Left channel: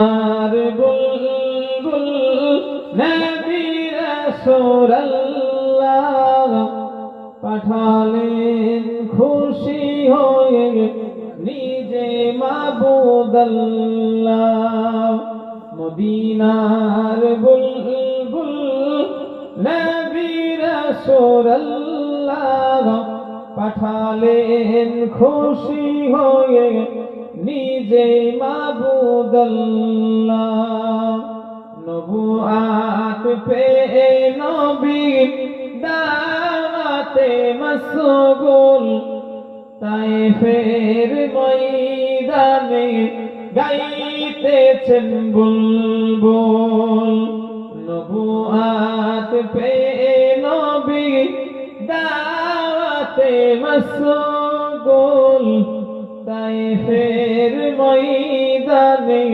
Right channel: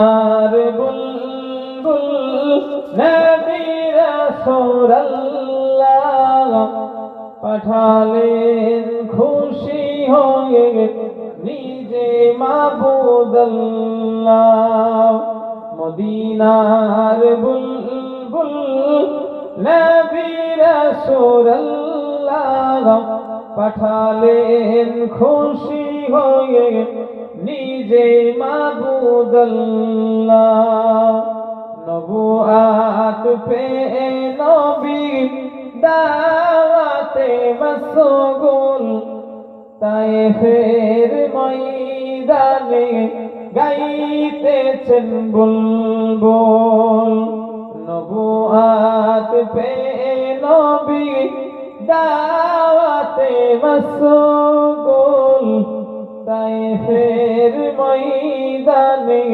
আর বুলবুল নবী রাসূলুল্লাহ পাঠালেন খুশি হয়ে নিজে মাবুদ আল্লাহ। মদিনার বুলবুল নবী রাসূলুল্লাহ পাঠালেন খুশি হয়ে নিজে মাবুদ আল্লাহ। নবুয়াত পেয়ে নবী দাওয়াতে মশগুল তায়েফের ময়দানে গাইতেছেন বুলবুল। নবুয়াত পেয়ে নবী দাওয়াতে মশগুল তায়েফের ময়দানে